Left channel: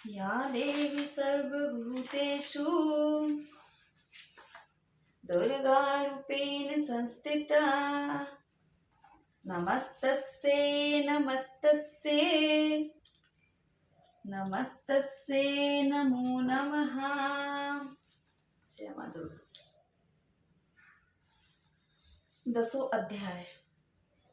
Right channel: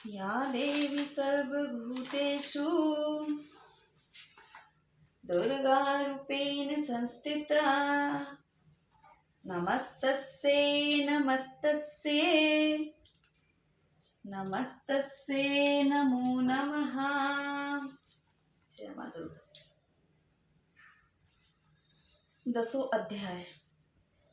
या देवी सर्वभूतेषु दुर्गारूपेण संस्थिता नमस्तस्यै नमस्तस्यै नमस्तस्यै नमो नमः। जय मां दुर्गा। 10वां अध्याय।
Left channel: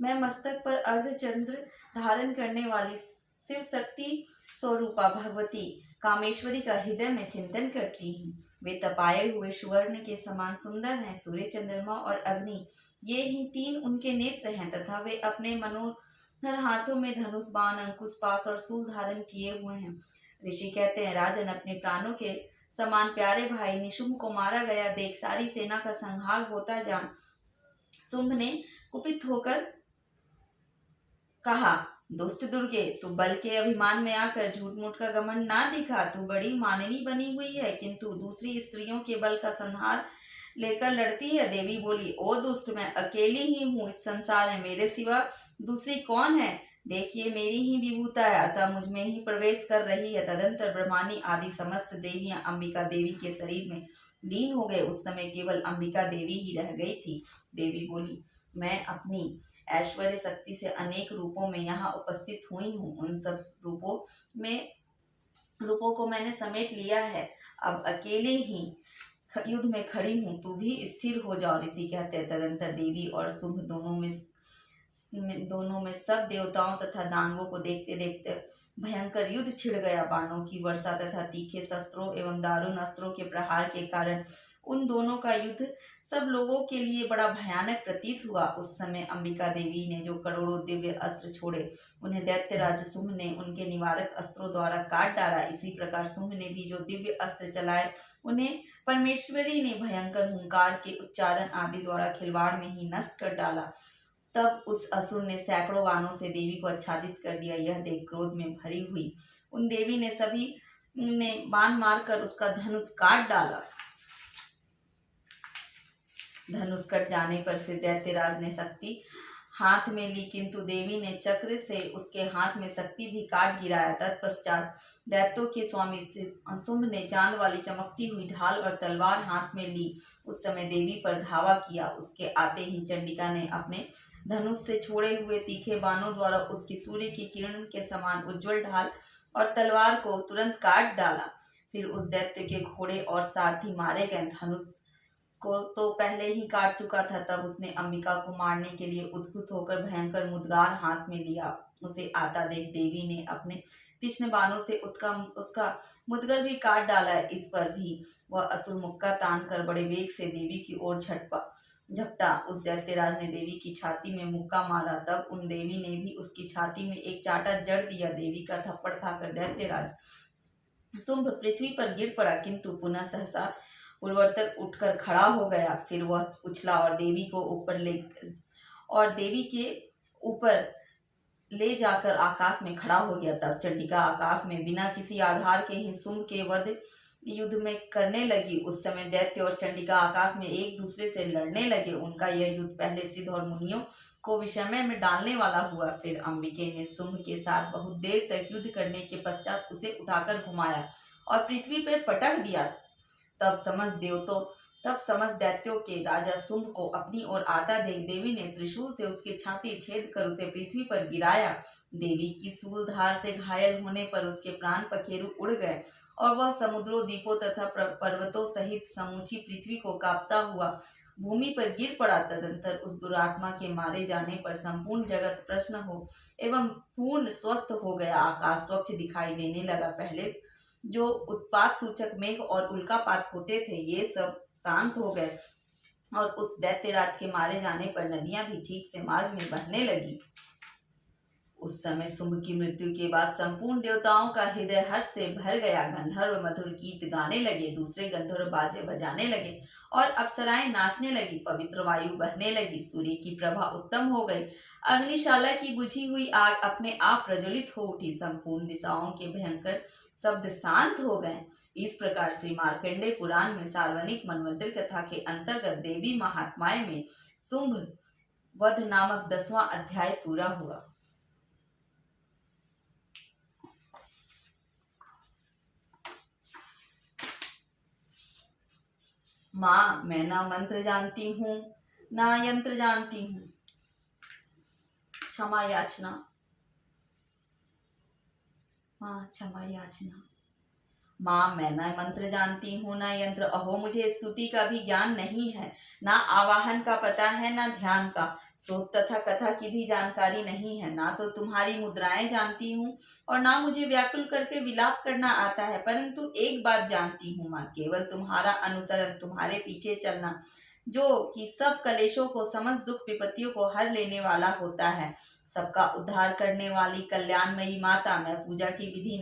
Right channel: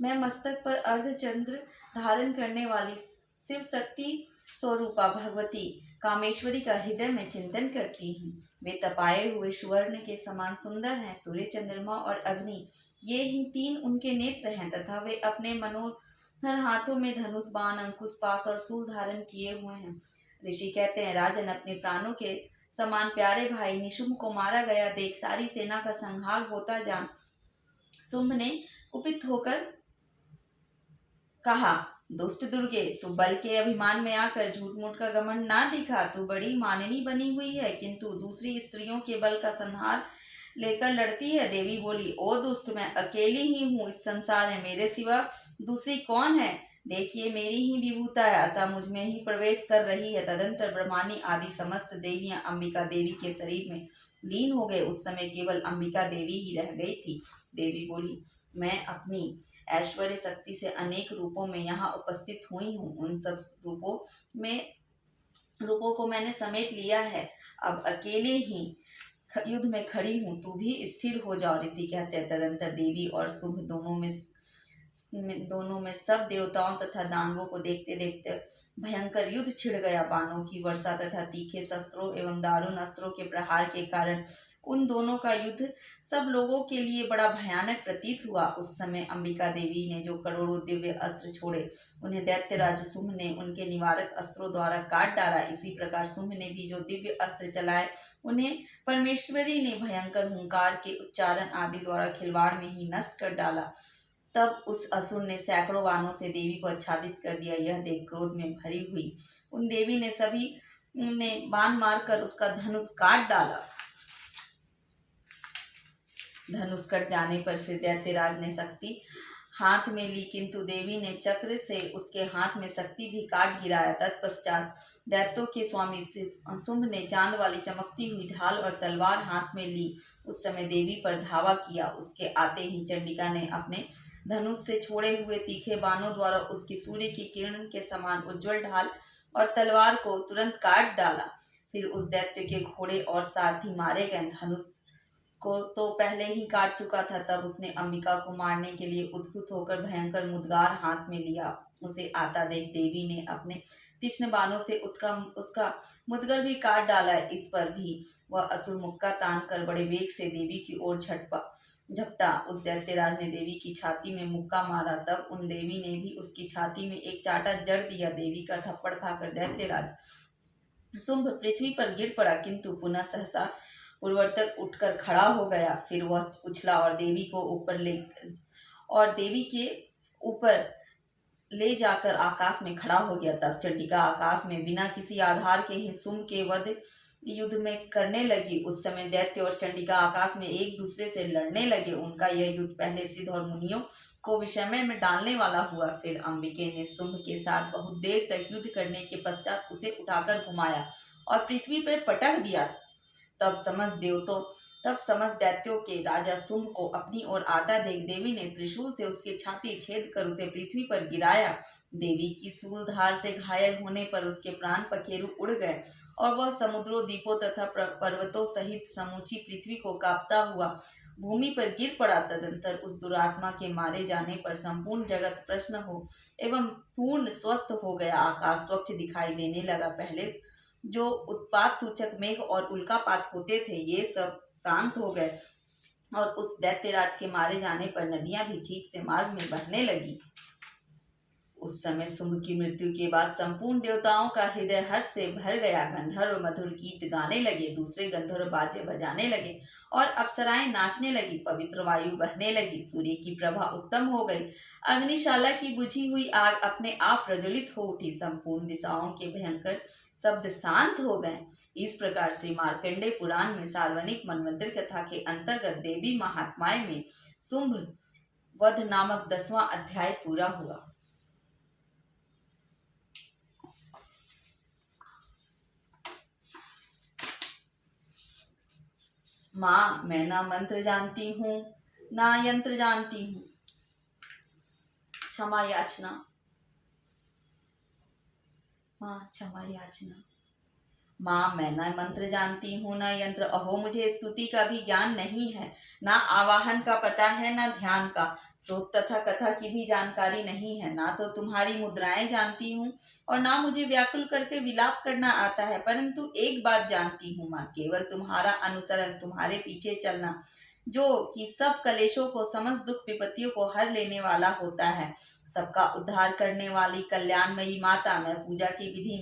मैं मस्तक पर अर्धचंद्र धारण करने वाली शिव शक्ति स्वरूपा भगवती कामेश्वरी का हृदय में चिंतन करती हूँ। वे तपाए हुए सुवर्ण के समान सुंदर हैं। सूर्य, चंद्रमा और अग्नि ये ही तीन उनके नेत्र हैं तथा वे अपने मनोहर हाथों में धनुष, बाण, अंकुश, पाश और शूल धारण किए हुए हैं। ऋषि कहते हैं, राजन, अपने प्राणों के समान प्यारे भाई निशुंभ को मारा गया देख सारी सेना का संहार होता जान शुंभ ने कुपित होकर कहा, दुष्ट दुर्गे, तू बल के अभिमान में आकर झूठ मूठ का घमंड ना दिखा। तू बड़ी माननी बनी हुई है किंतु दूसरी स्त्रियों के बल का संहार लेकर लड़ती है। देवी बोली, ओ दुष्ट, मैं अकेली ही हूँ इस संसार में, मेरे सिवा दूसरी कौन है? देखिए, मेरी ही विभूता है, अतः मुझ में ही प्रवेश कर रही है। तदंतर ब्रह्मानी आदि समस्त देवियां अंबिका देवी के शरीर में लीन हो गए। उस समय केवल अंबिका देवी ही रह गई थी। देवी बोली, मैं अपनी ऐश्वर्य शक्ति से अनेक रूपों में यहाँ उपस्थित हुई हूँ। उन सब रूपों को मैंने समेट लिया है। अब अकेले ही युद्ध में खड़ी हूँ, तू भी स्थिर हो जाओ। ऋषि कहते हैं, तदंतर देवी और शुंभ दोनों में सब देवताओं तथा दानवों को देखते देखते भयंकर युद्ध छिड़ गया। बाणों की वर्षा तथा तीखे शस्त्रों एवं दारुण अस्त्रों के प्रहार के कारण उन दोनों का युद्ध सब लोगों के लिए बड़ा भयानक प्रतीत हुआ। उस समय अंबिका देवी ने जो करोड़ों दिव्य अस्त्र छोड़े, उन्हें दैत्यराज शुंभ ने उनके निवारक अस्त्रों द्वारा काट डाला। इसी प्रकार शुंभ ने भी जो दिव्य अस्त्र चलाए, उन्हें परमेश्वरी ने भयंकर हुंकार के उच्चारण आदि द्वारा खिलवाड़ में ही नष्ट कर डाला। तब उस असुर ने सैकड़ों बाणों से देवी को आच्छादित कर दिया। यह देख क्रोध में भरी हुई उन देवी ने सभी ने बाण मारकर उसका धनुष काट डाला। धनुष कट जाने पर फिर दैत्यराज ने शक्ति हाथ में ली, किंतु देवी ने चक्र से उसके हाथ में शक्ति भी काट गिराया। तत्पश्चात दैत्यों के स्वामी शुंभ ने चांद वाली चमकती हुई ढाल और तलवार हाथ में ली। उस समय देवी पर धावा किया। उसके आते ही चंडिका ने अपने धनुष से छोड़े हुए तीखे बाणों द्वारा उसकी सूर्य की किरण के समान उज्जवल ढाल और तलवार को तुरंत काट डाला। फिर उस दैत्य के घोड़े और सारथी मारे गए। धनुष को तो पहले ही काट चुका था। तब उसने अंबिका को मारने के लिए उद्युक्त होकर भयंकर मुद्गार हाथ में लिया। उसे आता देख देवी ने अपने तीक्ष्ण बाणों से उसका मुद्गर भी काट डाला। इस पर भी वह असुर मुक्का तान कर बड़े वेग से देवी की ओर झपटा। उस दैत्यराज ने देवी की छाती में मुक्का मारा। तब उन देवी ने भी उसकी छाती में एक चाटा जड़ दिया। देवी का थप्पड़ खाकर दैत्यराज शुंभ पृथ्वी पर गिर पड़ा, किंतु पुनः सहसा पूर्वोत्तर उठकर खड़ा हो गया। फिर वह उछला और देवी के ऊपर ले जाकर आकाश में खड़ा हो गया। तब चंडिका आकाश में बिना किसी आधार के ही शुंभ के वध युद्ध में करने लगी। उस समय दैत्य और चंडिका आकाश में एक दूसरे से लड़ने लगे। उनका यह युद्ध पहले सिद्ध और मुनियों को विषमय में डालने वाला हुआ। फिर अंबिके ने शुंभ के साथ बहुत देर तक युद्ध करने के पश्चात उसे उठाकर घुमाया और पृथ्वी पर पटक दिया। तब समस्त दैत्यों के राजा शुंभ को अपनी ओर आता देख देवी ने त्रिशूल से उसकी छाती छेद कर उसे पृथ्वी पर गिराया। देवी की शूलधार से घायल होने पर उसके प्राण पखेरु उड़ गए और वह समुद्रों, द्वीपों तथा पर्वतों सहित समूची पृथ्वी को कांपता हुआ भूमि पर गिर पड़ा। तदंतर उस दुरात्मा के मारे जाने पर संपूर्ण जगत प्रसन्न हो एवं पूर्ण स्वस्थ हो गया। आकाश स्वच्छ दिखाई देने लगा। पहले जो उत्पात सूचक मेघ और उल्कापात होते थे, ये सब शांत हो गए और उस दैत्यराज के मारे जाने पर नदियां भी ठीक से मार्ग में बहने लगी। उस समय शुंभ की मृत्यु के बाद संपूर्ण देवताओं का हृदय हर्ष से भर गया। गंधर्व मधुर गीत गाने लगे, दूसरे गंधर्व बाजे बजाने लगे और अप्सराएं नाचने लगी। पवित्र वायु बहने लगी, सूर्य की प्रभा उत्तम हो गई। अग्निशाला की बुझी हुई आग अपने आप प्रज्वलित हो उठी। संपूर्ण दिशाओं के भयंकर शब्द शांत हो गए। इस प्रकार श्री मार्कंडेय पुराण में सार्वजनिक मनवंतरी कथा के अंतर्गत देवी महात्म्य में शुंभ वध नामक 10वां अध्याय पूरा हुआ। माँ मैं ना मंत्र जानती हूँ ना यंत्र जानती हूँ, क्षमा याचना। माँ क्षमा याचना। माँ मैं ना मंत्र जानती हूँ ना यंत्र, अहो मुझे स्तुति का भी ज्ञान नहीं है, ना आवाहन का पता है ना ध्यान का, श्लोक तथा कथा की भी जानकारी नहीं है, ना तो तुम्हारी मुद्राएं जानती हूँ और ना मुझे व्याकुल करके विलाप करना आता है। परंतु एक बात जानती हूँ माँ, केवल तुम्हारा अनुसरण, तुम्हारे पीछे चलना, जो कि सब कलेशों को, समस्त दुख विपत्तियों को हर लेने वाला होता है, सबका उद्धार करने वाली कल्याणमयी माता। मैं पूजा की विधि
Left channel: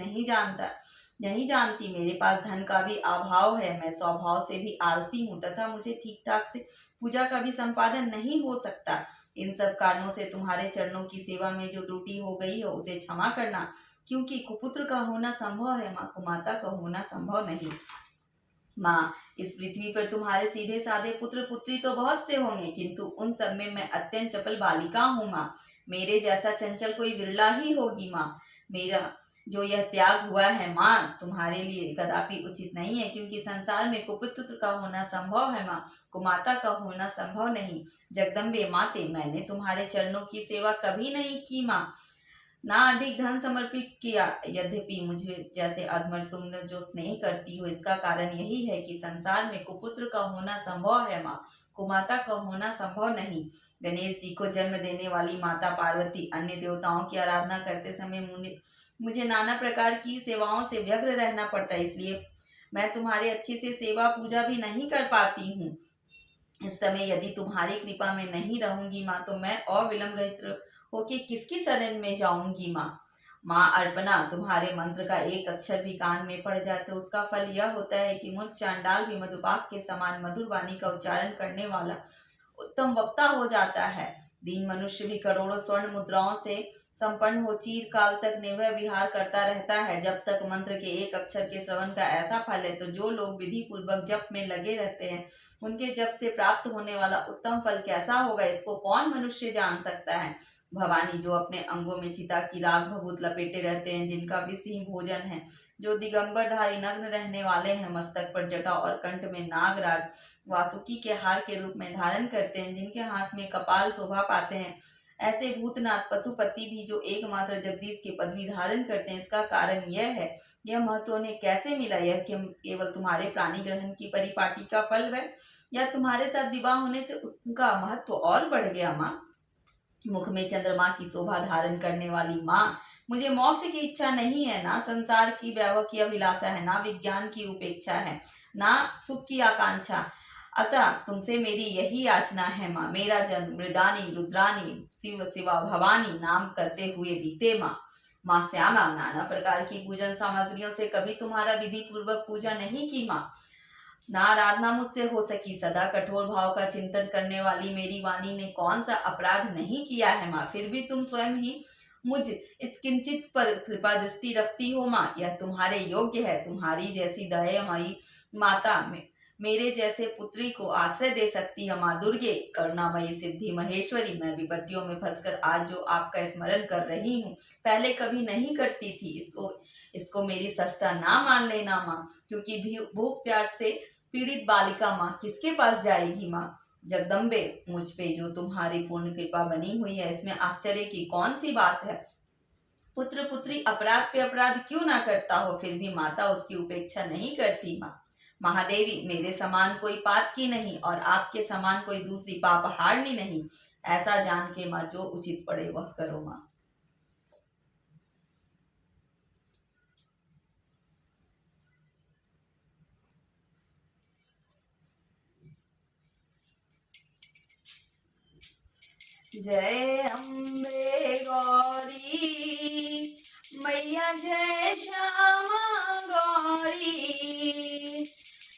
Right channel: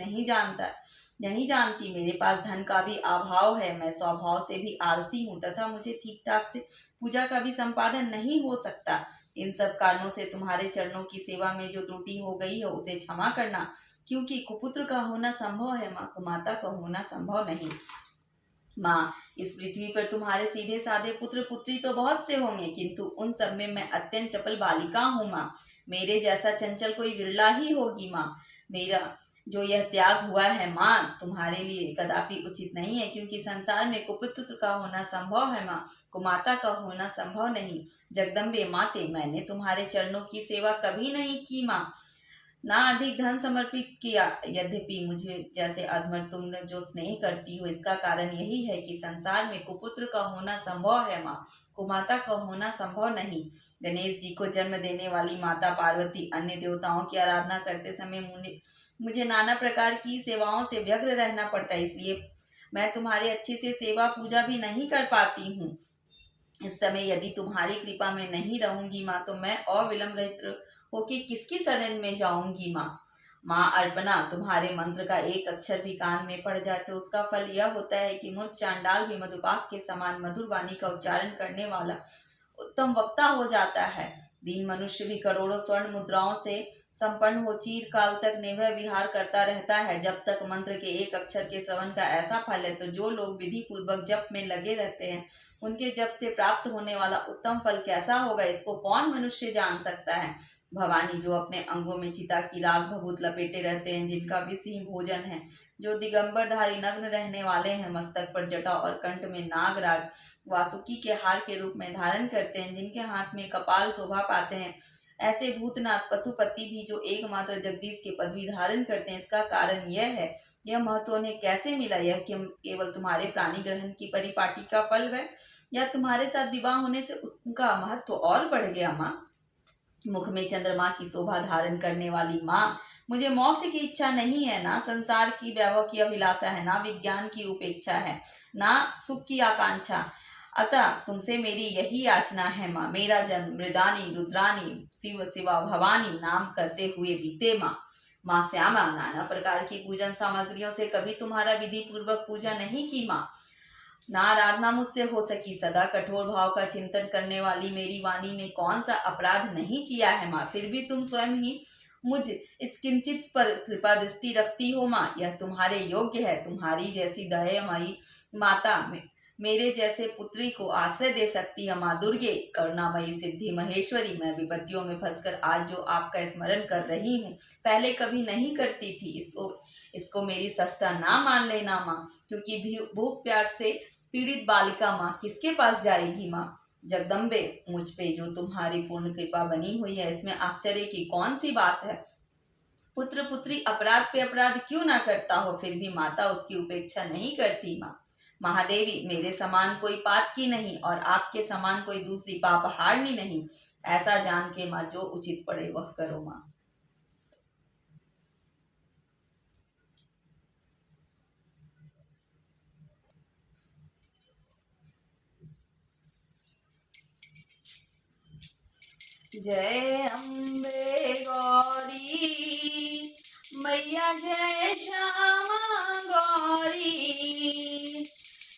नहीं जानती, मेरे पास धन का भी अभाव है, मैं स्वभाव से भी आलसी हूँ तथा मुझे ठीक ठाक से पूजा का भी संपादन नहीं हो सकता। इन सब कारणों से तुम्हारे चरणों की सेवा में जो त्रुटि हो गई है उसे क्षमा करना, क्योंकि कुपुत्र का होना संभव है माँ, कुमाता का होना संभव नहीं। माँ इस पृथ्वी पर तुम्हारे सीधे साधे पुत्र पुत्री तो बहुत से होंगे, किंतु उन सब में मैं अत्यंत चपल बालिका हूँ माँ, मेरे जैसा चंचल कोई विरला ही होगी माँ। मेरा जो यह त्याग हुआ है माँ तुम्हारे लिए कदापि उचित नहीं है, क्योंकि संसार में कुपुत्र का होना संभव है माँ, कुमाता का होना संभव नहीं। जगदम्बे माते मैंने तुम्हारे चरणों की सेवा कभी नहीं की माँ, ना अधिक धन समर्पित किया, यद्यपि मुझे जैसे अधमर तुम जो स्नेह करती हो, इसका कारण यही है कि संसार में कुपुत्र का होना संभव है माँ, कुमाता का होना संभव नहीं। गणेश जी को जन्म देने वाली माता पार्वती, अन्य देवताओं की आराधना करते समय मुझे नाना प्रकार की सेवाओं से व्यग्र रहना पड़ता है, इसलिए मैं तुम्हारी अच्छी से सेवा पूजा भी नहीं कर पाती हूँ। इस समय यदि तुम्हारी कृपा में नहीं रहूंगी माँ, तो मैं अविलंब रहित होके किसकी शरण में जाऊंगी माँ। माँ अर्पणा, तुम्हारे मंत्र का एक अक्षर भी कान में पड़ जाए तो उसका फल यह होता है कि मूर्ख चांडाल भी मधुपाक के समान मधुर वाणी का उच्चारण करने वाला उत्तम वक्ता हो जाता है। दीन मनुष्य भी करोड़ों स्वर्ण मुद्राओं से संपन्न हो चीर काल तक निर्भय विहार करता रहता है, जब तक मंत्र के एक अक्षर के श्रवण का ऐसा फल है। तो जो लोग विधि पूर्वक जप में लगे रहते हैं, उनके जप से प्राप्त होने वाला उत्तम फल कैसा होगा, इसको कौन मनुष्य जान सकता है। भवानी, जो अपने अंगों में चिता की राग भभूत लपेटे रहते हैं, जिनका विष ही भोजन है, जो दिगंबरधारी नग्न रहने वाले हैं, मस्तक पर जटा और कंठ में नागराज वासुकी के हार के रूप में धारण करते हैं, जिनके हाथ में कपाल शोभा पाते हैं, ऐसे भूतनाथ पशुपति भी जो एकमात्र जगदीश की पदवी धारण करते हैं, इसका कारण यह है, यह महत्व उन्हें कैसे मिला। यह केवल तुम्हारे प्राणी ग्रहण की परिपाटी का फल है, या तुम्हारे साथ विवाह होने से उसका महत्व और बढ़ गया माँ। मुख में चंद्रमा की शोभा धारण करने वाली माँ, मुझे मोक्ष की इच्छा नहीं है, ना संसार की वैभव की अभिलाषा है, ना विज्ञान की उपेक्षा है, ना सुख की आकांक्षा। अतः तुमसे मेरी यही याचना है माँ, मेरा जन्म मृदानी रुद्रानी शिव शिवा भवानी नाम करते हुए बीते माँ। माँ श्यामा, नाना प्रकार की पूजन सामग्रियों से कभी तुम्हारा विधि पूर्वक पूजा नहीं की माँ, ना आराधना मुझसे हो सकी। सदा कठोर भाव का चिंतन करने वाली मेरी वाणी ने कौन सा अपराध नहीं किया है माँ, फिर भी तुम स्वयं ही मुझ इस किंचित पर कृपा दृष्टि रखती हो माँ, यह तुम्हारे योग्य है। तुम्हारी जैसी दयामयी माता मेरे जैसे पुत्री को आश्रय दे सकती है माँ दुर्गे, करुणामयी सिद्धि महेश्वरी। मैं विपत्तियों में फंसकर आज जो आपका स्मरण कर रही हूँ, पहले कभी नहीं करती थी, इसको मेरी सस्ता ना मान लेना माँ, क्योंकि भूख प्यास से पीड़ित बालिका माँ किसके पास जाएगी माँ। जगदम्बे, मुझ पे जो तुम्हारी पूर्ण कृपा बनी हुई है, इसमें आश्चर्य की कौन सी बात है। पुत्र पुत्री अपराध पे अपराध क्यों ना करता हो, फिर भी माता उसकी उपेक्षा नहीं करती माँ। महादेवी, मेरे समान कोई पाप की नहीं और आपके समान कोई दूसरी पाप हारनी नहीं, ऐसा जान के माँ जो उचित पड़े वह करो माँ। जय अम्बे गौरी मैया, जय श्यामा गौरी,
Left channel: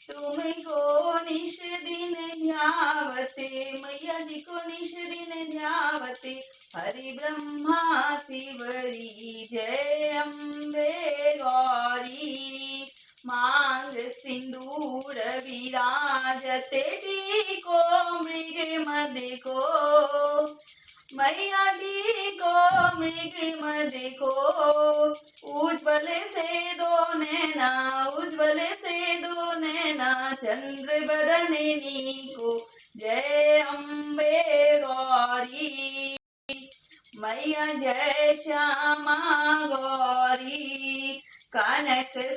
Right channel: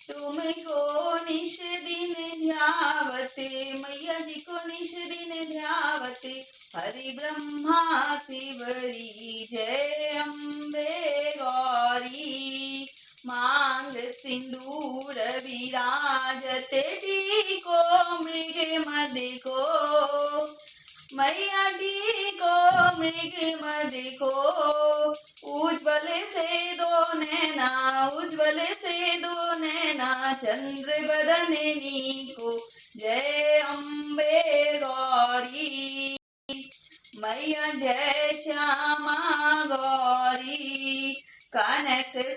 तुमको निश दिन ध्यावते, मैया जी को निश दिन ध्यावते, हरि ब्रह्मा शिवरी। जय अम्बे गौरी, मांग सिंदूर विराजते, टीको मृग मद को, मैया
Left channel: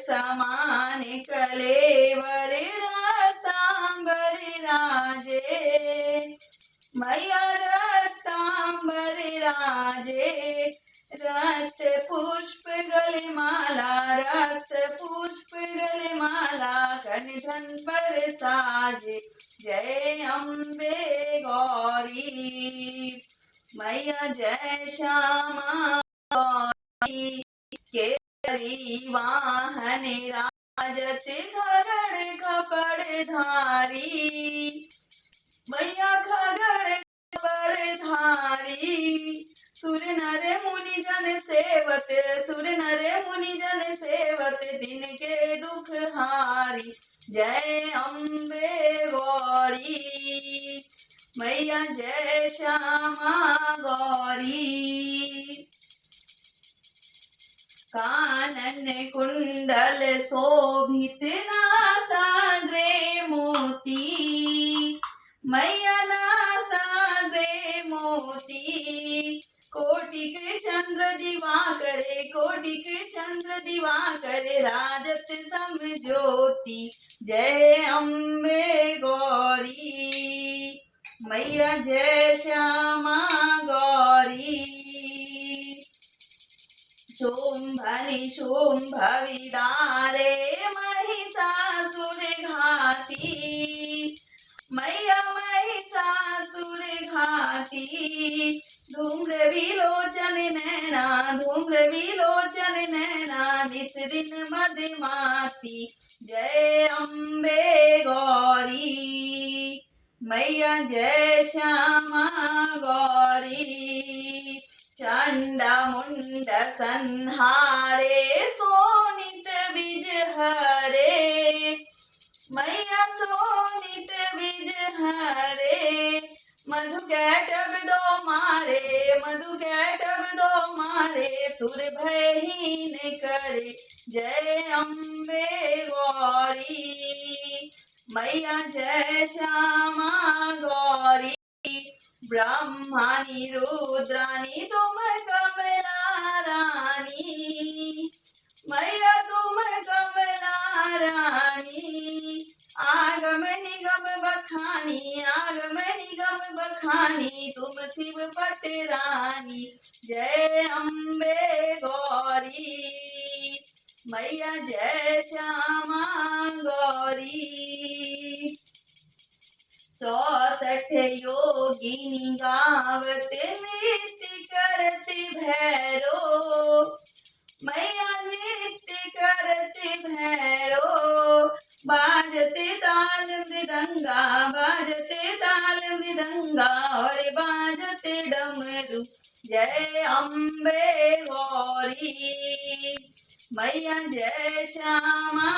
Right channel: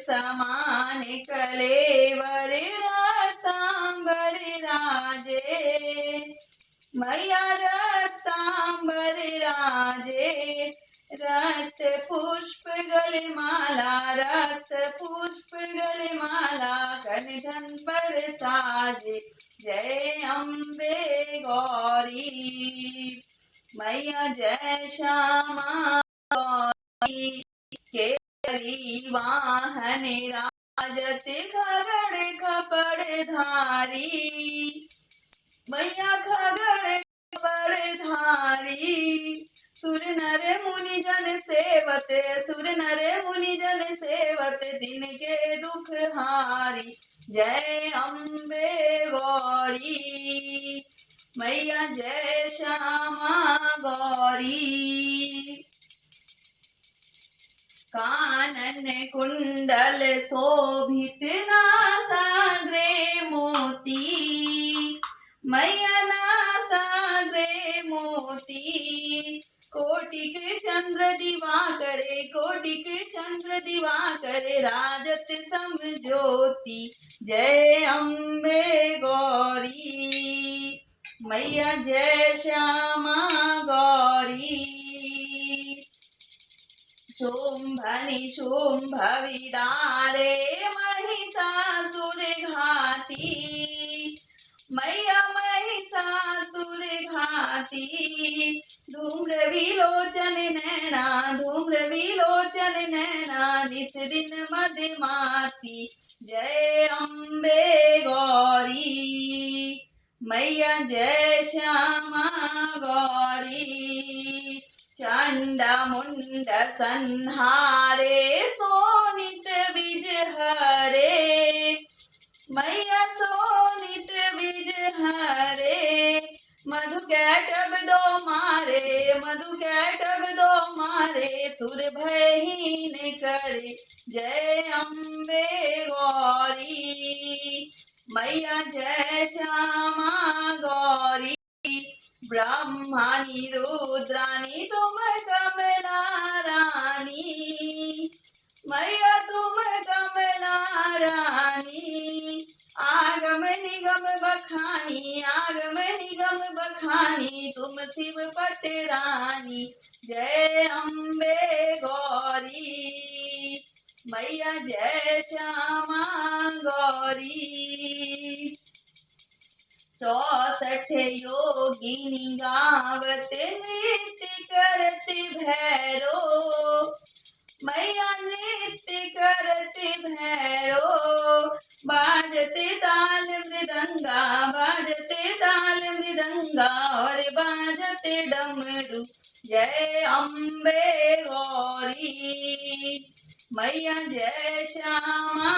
समान कलेवर रतांबर राजे। मैया रतांबर राजे, रक्त पुष्प गलमाला, रक्त पुष्प गलमाला कंठन पर साजे। जय अम्बे गौरी। मैया जय श्यामा गौरी, केसरी वाहन राजत खगड़ खपड़ धारी। मैया खगड़ खपड़ धारी, सुर नर मुनि जन सेवत, सुर नर मुनि जन सेवत, तिनके दुख हारी। जय अम्बे गौरी। मैया जय श्यामा गौरी। कानन कुंडल शोभित नासाग्रे मोती, मैया नासाग्रे मोती। कोटिक चंद्र दिवाकरे, कोटिक चंद्र दिवाकरे, राजत सम ज्योति। जय अम्बे गौरी। मैया जय श्यामा गौरी। शुंभनि शुंभ विदारे महिषासुर घाती, मैया महिषासुर घाती। धूम्र विलोचन नैना, धूम्र विलोचन नैना, निस दिन मदमाती। जय अम्बे गौरी। मैया जय श्यामा गौरी। चंड मुंड संहारे सोनित विज हरे, मैया सोनित विज हरे। मधु कैटब दो मारे, मधु कैटब दो मारे, सुर भयहीन करे। जय अम्बे गौरी। मैया जय श्यामा गौरी। ब्रह्मानी रुद्रानी तुम कमला रानी, मैया तुम कमला रानी। आगम निगम बखानी, आगम निगम बखानी, तुम शिव पट रानी। जय अम्बे गौरी। मैया जय श्यामा गौरी। 64 योगिनी गावत नृत्य करत भैरो, मैया नृत्य करत भैरो। बाजते ताल मृदंगा, बाजते ताल मृदंगा, और बाजते डमरू। जय अम्बे गौरी। मैया जय श्यामा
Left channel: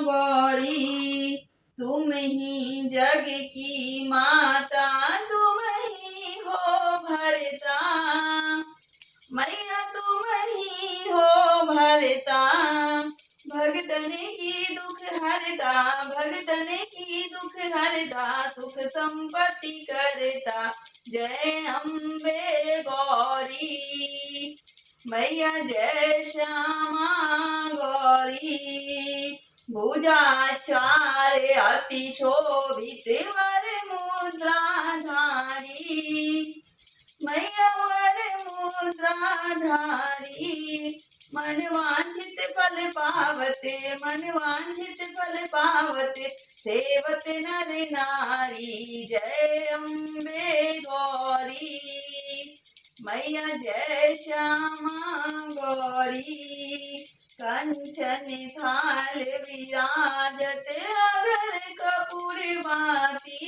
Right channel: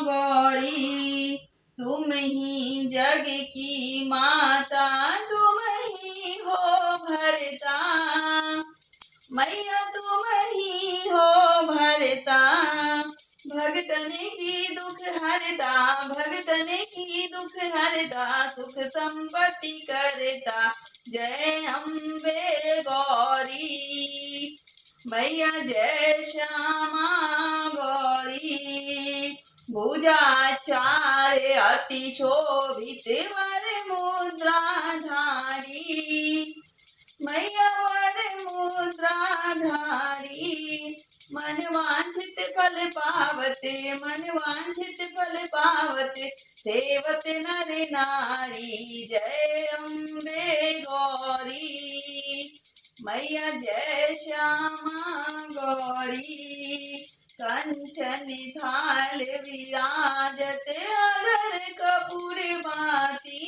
गौरी। तुम ही जग की माता, तुम ही हो भरता, मैया तुम ही हो भरता। भगतन की दुख हरता, भगतन की दुख हरता, सुख संपत्ति करता। जय अम्बे गौरी। मैया जय श्यामा गौरी। भुजाचार्य अति शोभित वर मुद्राधारी, मैया वर मुद्राधारी। मन वांछित फल पावते, मन वांछित फल पावते, सेवत नर नारी। जय अम्बे गौरी। मैया जय श्यामा गौरी। कंचन थाल विराजत अगर कपूर बाती,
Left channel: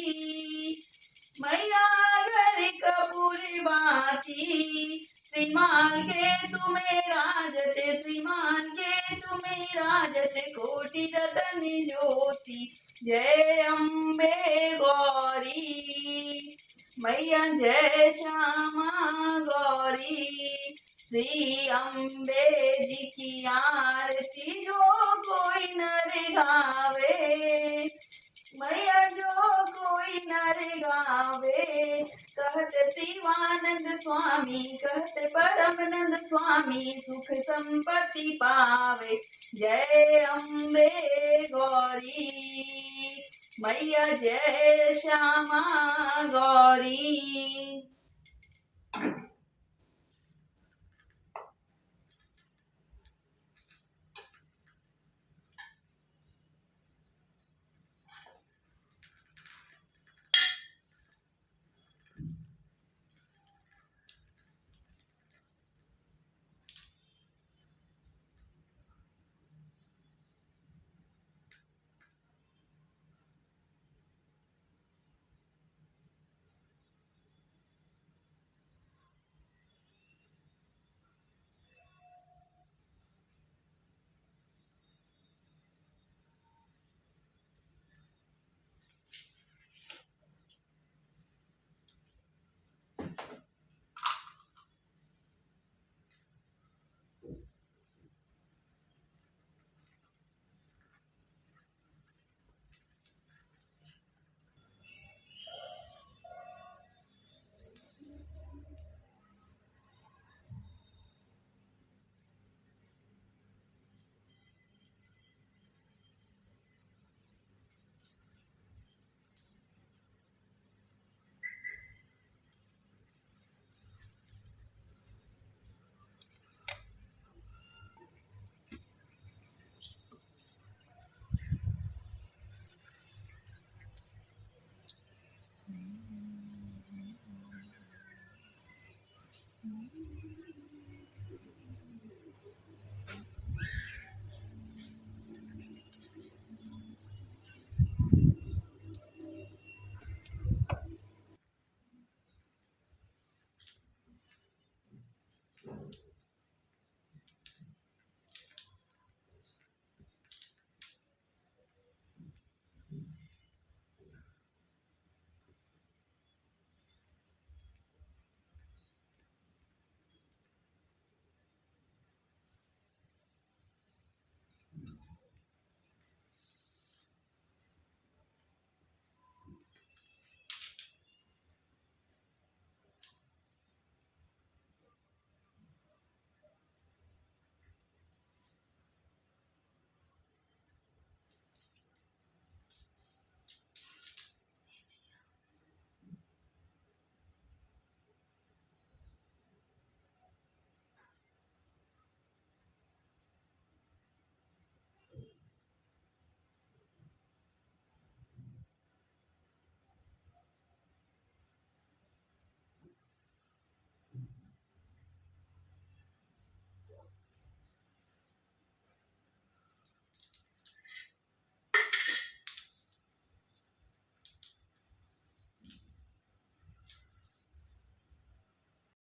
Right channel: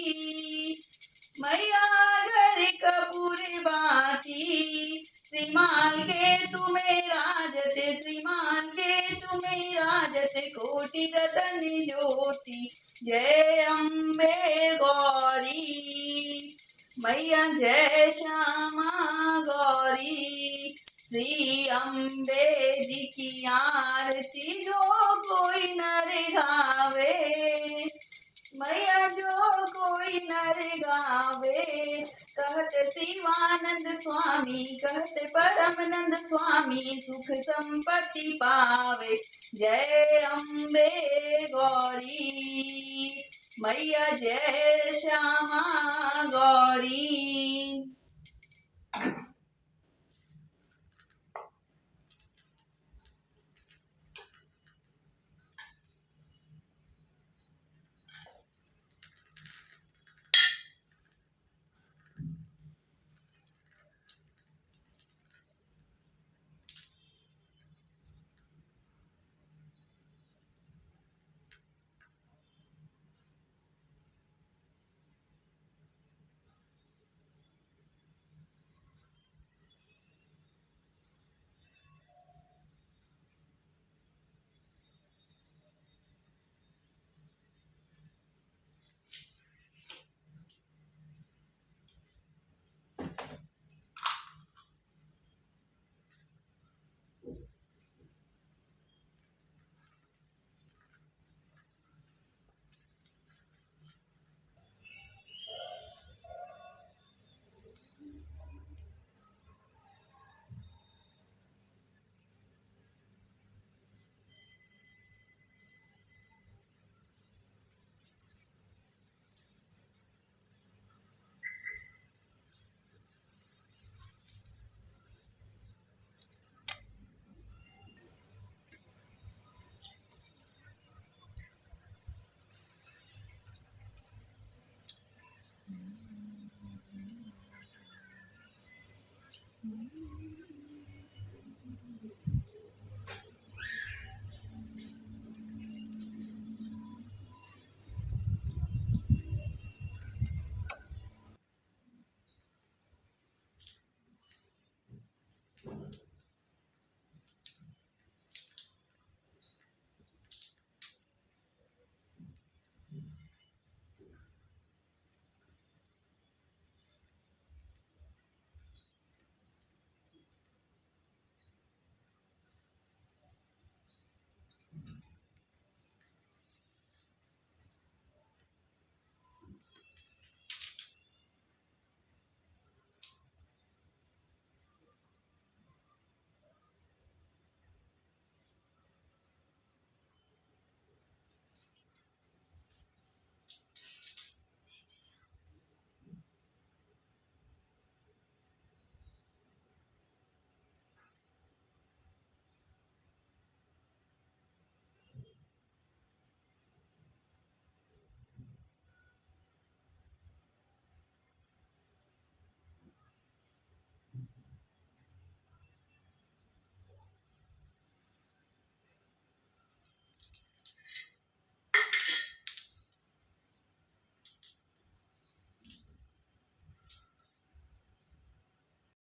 मैया अगर कपूर बाती। श्रीमान के तुम्हें राजते, श्रीमान के तुम्हें राजते, कोटि रतन ज्योति। जय अम्बे गौरी। मैया जय श्यामा गौरी। श्री अम्बे जी की आरती जो कोई नर गावे, मैया जो कोई नर गावे। कहत शिवानंद स्वामी, कहत परमानंद स्वामी, सुख संपत्ति पावे। जय अम्बे गौरी।